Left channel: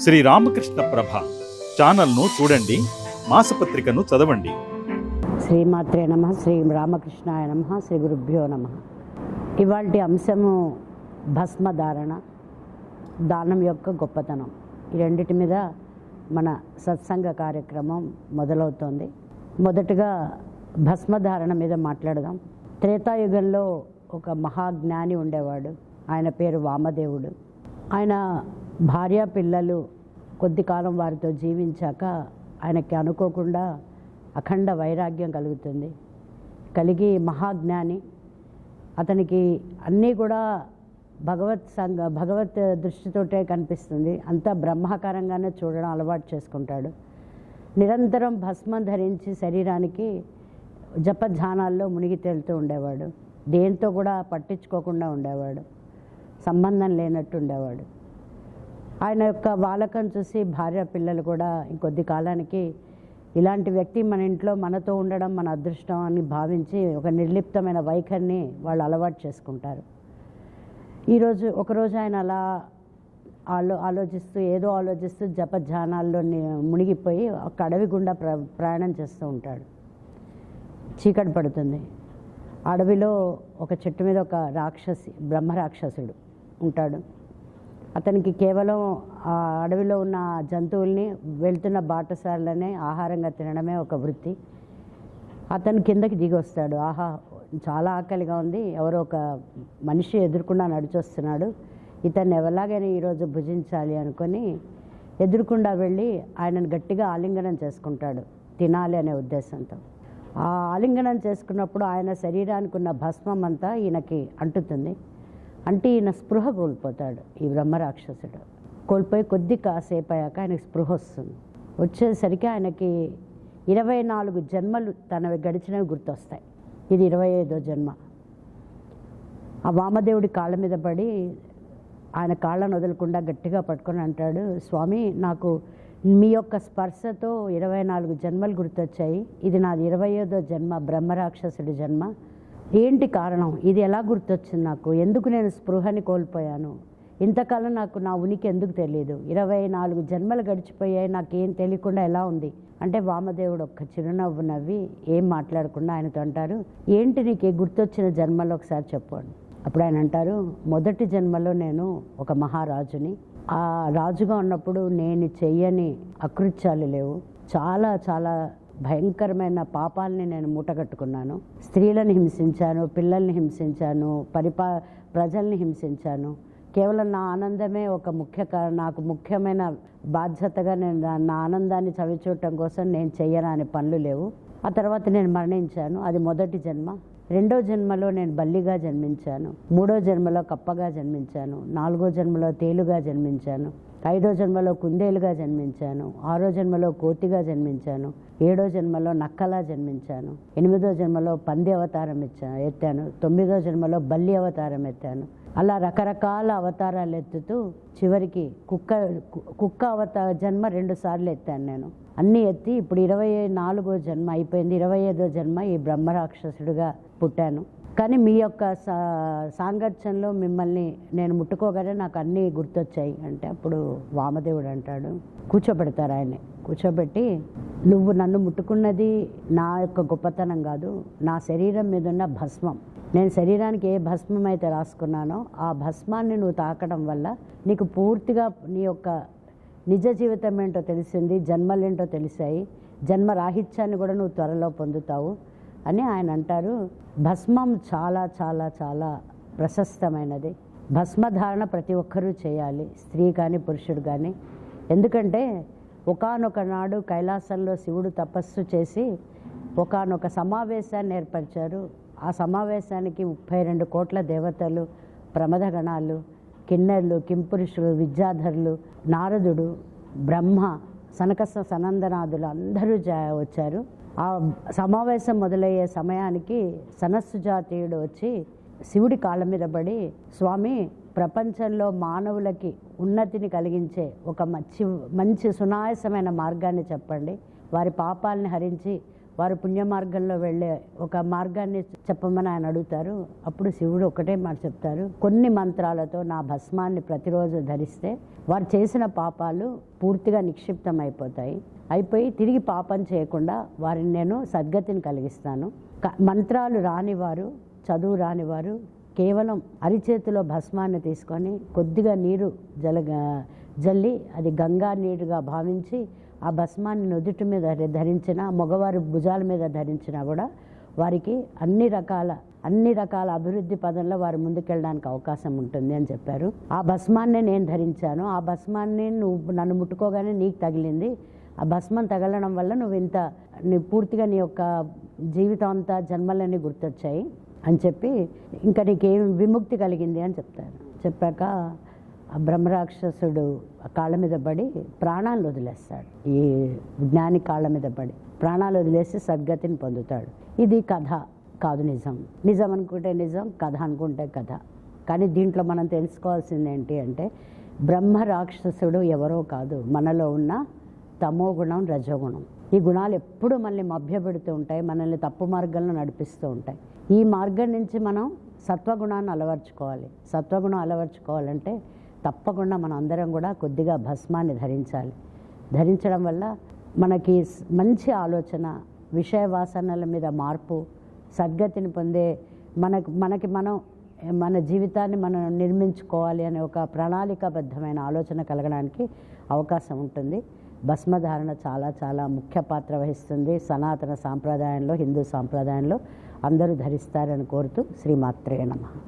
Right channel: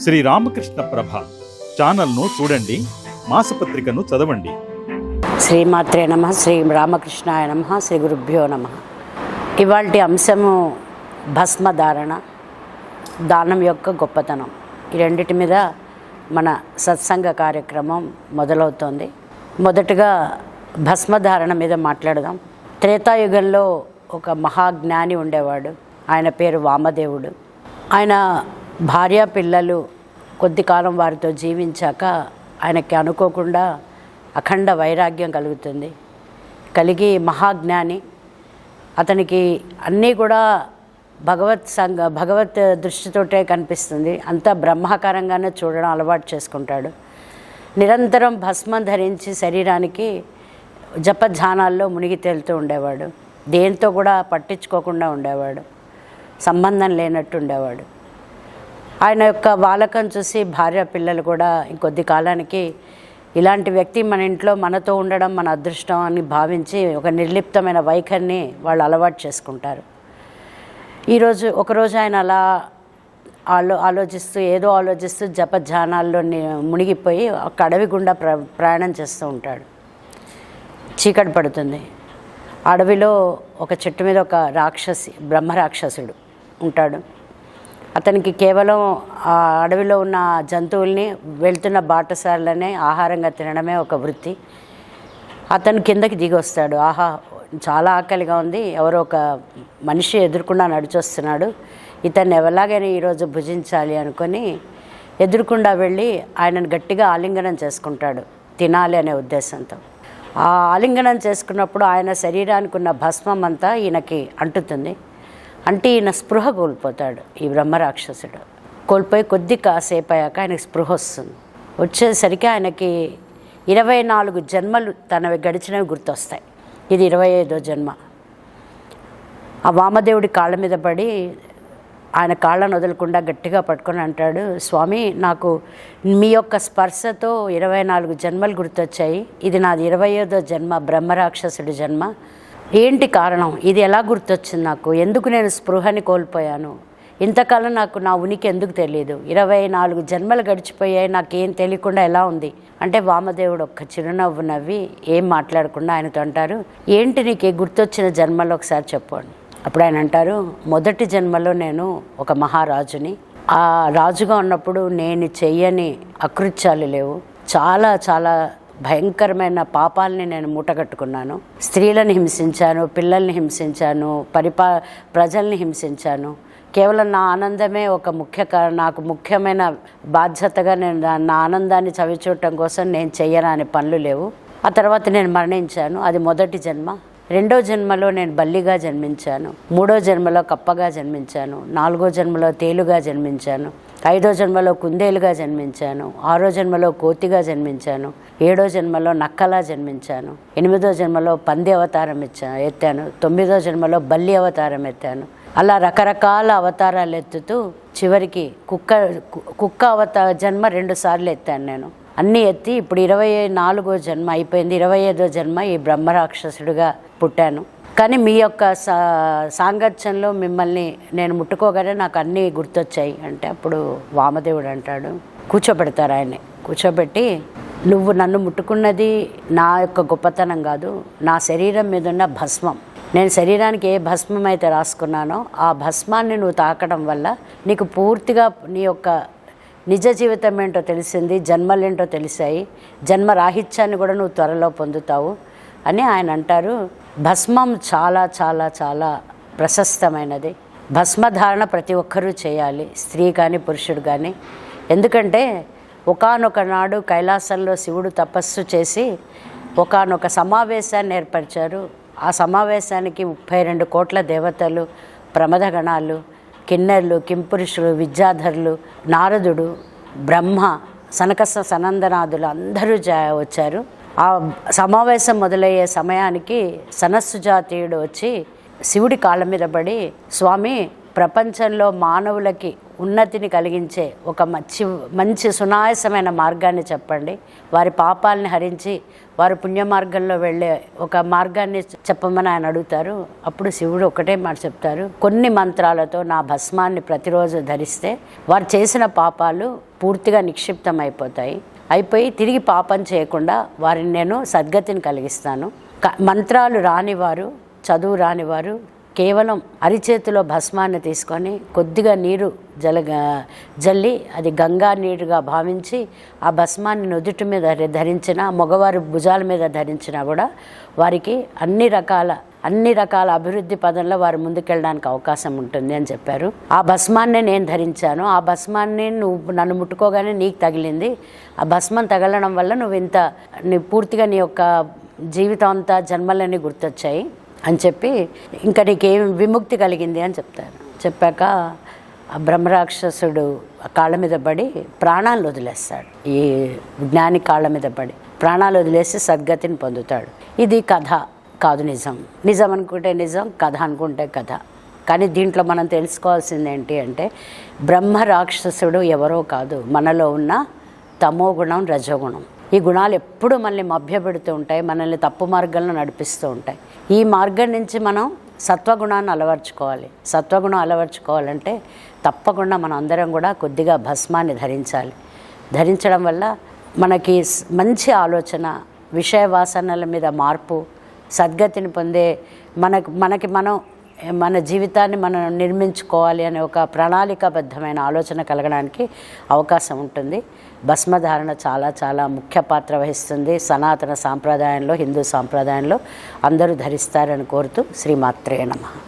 శ్రీ రామకృష్ణ ప్రభ ఛానల్ను చూడండి మాసపత్రికను చదవండి. శ్రీమాత్రే నమ శ్రీ రామకృష్ణాయ నమ శ్రీ గురుభ్యో నమ. ఇవాళ అంశము భస్మధారణ దానం యొక్క గొప్పతనం. ఈ రెండిటి మీద మన సత్సంగ కార్యక్రమం మొదలవుతోంది. మొదటగా భస్మధారణ మీద మాట్లాడదాం. త్రేతాయుగంలో ఒక మహాజ్ఞాని ఉండేవాడు. ఆయన పేరు వామదేవుడు. ఆయన భార్య పిల్లలు కొద్ది కాలం వారితో జీవించాక ఆయనకి అనుకోకుండా అఖండ వైరాగ్యం కలుగుతుంది. కలిగి మహాజ్ఞాని. అతనికి అన్నీ కూడా భగవత్ సంగ భగవత్ దృష్టితోటే కనిపిస్తుంది. అంతా బ్రహ్మాకారంగానే చూడడం అలవాటు చేసుకుంటాడు. నిరంతరం భస్మం ధరించి శరీరానికి జపధ్యానాల్లో మునిగి తేలుతూ ఉండేవాడు. దేంతో కూడా పట్టించుకోకుండా ఉండేవాడు. సంబంధం లేనట్టు ఉండేవాడు. ఆయన యొక్క బాలకం చూసి భార్య పిల్లలు కూడా ఇంకొద్ది కాలానికి ఇలాంటి వ్యక్తి మన ఇంట్లో మనతో ఉండడం మన అదృష్టం అని భావించి ఒక నిర్లిప్తమైన వైఖరిని వాళ్ళు అలవాటు చేసుకుంటారు. ఈరోజు ఒకరోజు ఆయన అలా ఆలో ఆలోచిస్తూ ఏదో ఆలోచిస్తూ జపధ్యానాల్లో మునిగిపోయి ఒక అడవి గుండా ప్ర ప్రయాణం చేస్తూ ఉంటాడు. చీకటి పడుతుంది. అడవిలో ఒక చెట్టు మీద ఒక రాక్షసి బ్రహ్మ రాక్షసుడు ఉంటాడు. అతనికి కేవలం ఆ అడవిలో ఉన్న జంతువుల్ని వెళ్తున్న బాటసార్లనే ఆహారంగా తినడమే ఒక వృత్తి. అతను కిందకి దిగి వస్తాడు ఆహా చాలా ఆకలిగా ఉంది. ఎవరో ఒక మనిషి ఎదురుకుండా నడిచొస్తున్నాడు. ఇతన్ని ఎలాగైనా ఈరోజు భుజించాలి అనుకొని ఎదురుకుండా వెళ్ళి ఆయనను గట్టిగా ఆలింగనం చేసుకుంటాడు. తినాలి అనే ఉద్దేశంతో. ఆ ఆలింగనం చేసుకున్నప్పుడు ఆయన శరీరానికి ఉన్న భస్మం అంతా ఈయనకి అంటుతుంది. అంటే ఈయన స్పృహ కోల్పోతాడు ఈ బ్రహ్మరాక్షసుడు కోల్పోయి కొద్ది కాసేపు అయ్యాక ఆయనకి స్పృహ వస్తుంది. వచ్చేసరికి ఆయనకి ఇరవై నాలుగు జన్మలు తనవి గడిచినవి గుర్తొస్తాయి. ఇది ఇరవై ఐదో జన్మ. ఆ వామదేవుడి కాళ్ళ మీద పడి ఆయన కాళ్ళను వదలకుండా గట్టిగా పట్టుకొని అంటాడు స్వామి నాకు మీ యొక్క స్పర్శతో ఇరవై నాలుగు జన్మలు గుర్తొచ్చాయి. ఇది నాది ఇరవై ఐదో జన్మ బ్రహ్మరాక్షసుడి జన్మ. ఏంటి కారణం? ఇది ఎలా గుర్తొచ్చింది నాకు? ఎందుకు నేను స్పృహని కోల్పోయాను? ఇంతకాలం నాకు నా ఉనికి ఎందుకు తెలియదు ఇరవై నాలుగు జన్మలు గడిచిపోయాయి నాకేం తెలియకుండా ఎలా ఉంది? అంటే వామదేవుడు ఒక్క చిరునవ్వు నవ్వి ఏం మాట్లాడకుండా ఆయనతో అంటారు ఏంటి నీకు గుర్తొచ్చిన జన్మలో ఒకసారి చెప్పండి అప్పుడు ఆయన అంటారు మొదటి జన్మలో నేను ఒక మహారాజుని. ఆ రాజుగా ఉన్నప్పుడు నేను చెయ్యని అకృత్యాలు లేవు. చాలా చాలా భయంకరమైన పాపాలని నేను మూటగట్టుకున్నాను. స్త్రీలను హింసించాను పిల్లల్ని హింసించాను పరిపా ప్రజల్ని హింసించాను. కేవలం నా ఆనందమే ఒక ముఖ్య నాకు ముఖ్యమైన బాధ్యతగా నేను నా- నా ఆనందాన్ని చవిచూడటం కోసం నేను చెయ్యరాని పనులు లేవు. ఆ తర్వాత నేను మరణించాను. అది మొదటి జన్మ. రెండో జన్మలో నేను బల్లిగా జన్మించాను. మూడో జన్మలో కప్పగా జన్మించాను. నాలుగో జన్మలో తేలుగా జన్మించాను. ఐదో జన్మలో కుందేలుగా జన్మించాను. ఆరో జన్మలో కోతిగా జన్మించాను. ఏడో జన్మలో నక్కలా జన్మించాను. ఎనిమిదో జన్మలో పంది అవతారం ఇచ్చా ఎత్తాను. తొమ్మిదో జన్మలో బల్లి అవతారం ఎత్తాను. అలా రకరకాల అవతారాలు ఎత్తుతూ చివరికి కుక్క కు- కుక్క అవతార జన్మ రెండు సార్లు ఎత్తాను నేను. అన్నీ ఎత్తి ఇప్పుడు ఇరవై నాలుగో జన్మ అయిపోయింది. ఇరవై ఐదో జన్మ ఈ బ్రహ్మరాక్షసుడిగా పుట్టాను. కానీ మీ యొక్క సా సాంగత్యంలో మిమ్మల్ని నేను ముట్టుకోగానే నాకు అన్నీ గుర్తొచ్చాయి. అంటే అప్పుడు వామదేవుడు అంటాడు కూర్చోబెడతారు ఆయన్ని. కూర్చోబెట్టి నువ్వు నన్ను ముట్టుకున్నది నా యొక్క గొప్పతనం కాదు నా శరీరం మీద ఉన్న భస్మం. నేను శరీరానికి ఏ భస్మం అయితే రాసుకున్నానో ఆ భస్మాన్ని నువ్వు తాకడం వల్ల నీకు పూర్తిగా నీ యొక్క నిజ జీవితం ఏంటో తెలిసింది జన్మలేంటో తెలిసాయి. జన్మ రాహిత్యాన్ని కూడా నువ్వు త్వరలో పొందుతావు అని ఆయన అంటారు. భస్మం చాలా చాలా చాలా ప్రశస్తమైనది. భస్మధారణ ప్రతి ఒక్కరూ చేయాలి స్త్రీ కానీ పురుషుడు కానీ ఎందుకంటే ఒకానొక నాడు కైలాసంలో శివుడు తపస్సు చేసి ఒకానొక సమావేశాన్ని ఏర్పరిచారు. ఆ సమావేశానికి ముప్పై రెండు కోట్ల దేవతలు ప్రమదగణాలు కిన్నెర్లు కింపురుషులు విద్యాధరులు నారదుడు బ్రహ్మ సనకస సనందనాథులు అందరూ వచ్చారు. ఆ సమావేశం మొదలయ్యే సమయానికి సనస్సు జాతీయుడు వచ్చి శివుడి కాళ్ళ మీద పడి స్వామి ప్రపంచంలో మానవులకి ఉన్నతిని కలిగించే ఒక మంచి మంచి సునాయసమైన మార్గాన్ని చెప్పండి. వారి పాపాలని హరించి వారు పుణ్య మార్గంలో వెళ్ళే ఒక మార్గాన్ని చెప్పమని ఆయన అడుగుతారు. అప్పుడు శివుడు ఒకటే మాట చెప్తారు. కొన్ని మంత్రాలతో నా భస్మాన్ని ప్రతిరోజు ధరిస్తే వారు చేసిన పాపాలు పూర్తిగా నిక్షిప్తం అయిపోతాయి అయిపోయి తిరిగి పాపం చేయకుండా వారిని నేను సద్గతిని కలిగిస్తాను. మంత్రాలు రానివారు చదువు రానివారు కేవలం అరిచేతిలో భస్మాన్ని తీసుకొని కొద్దిగా నీరు జల జల్లి అది గంగా నీరుగా భావించి ఆ భస్మాన్ని నుదుటి మీద ధరించిన మగవారి భుజాల మీద ధరించినా కూడా వారికి అన్ని రకాల అన్ని రకాల అభివృద్ధి పదంలో వారు ముందుకెళ్ళడానికి అవకాశం ఉంటుంది అని చెప్పారు. ఆ భస్మాన్నే నేను ధరించాను. ఆ భస్మాన్ని నువ్వు నన్ను ముట్టుకోగానే నీకు తగిలింది. ఆ భస్మం తగలడం వల్ల నువ్వు ఇంత నీ పూర్తిగా నీ యొక్క జీవితం అంతా జన్మలన్నీ గుర్తొచ్చాయి. అని చెప్పి ఇంకా నీకేం విముక్తి కలిగింది అని చెప్తారు. చెప్పాక ఆ బ్రహ్మరాక్షసుడు కాళ్ళ మీద పడి ప్రాణాలు వదిలేస్తాడు. ఈ జ్ఞాని కాళ్ళ మీద పడి ప్రాణాలు వదిలేసి సద్గతిని పొందుతాడు. ఇది కథ కాదు నిజం. నిజం అనుకుంటే నిజం కథ అనుకుంటే కథ. కానీ దీంట్లో మనం తెలుసుకోవాల్సింది ఏంటి అంటే బ్రహ్మ రాక్షసుడు ఎవరో కాదు. మనలో ఉన్న తమో గుణం రజోగుణం. ఈ గుణాలు ఎప్పుడూ మనల్ని మభ్యపెడుతూ ఉంటాయి మనల్ని తప్పు మార్గంలో నడిపిస్తూ ఉంటాయి. ఈ మార్గం నుంచి మనం సత్వగుణాన్ని అలవర్చుకోవాలి. సత్వగుణం అలవర్చుకోవాలంటే తప్పకుండా మనం అందరం కూడా కొద్దిగా భస్మాన్ని ధరించాలి. ధరించడం వల్ల మనకి మంచి ఆలోచన విషయ వాసనల మీద మార్పు సద్గతిని పొందే మనకు మనకి మనం మన జీవితాన్ని మనం నిర్మించుకోవాలి అనే ఒక ప్రణాళికాబద్ధమైన ఆలోచన కలగడానికి అవకాశం ఉంటుంది. భస్మధారణ చాలా చాలా ముఖ్య పాత్ర వహిస్తుంది సనాతన సాంప్రదాయంలో హిందూ సాంప్రదాయంలో. అందరూ ధరిస్తారని కోరుతూ శ్రీమాత్రే నమః.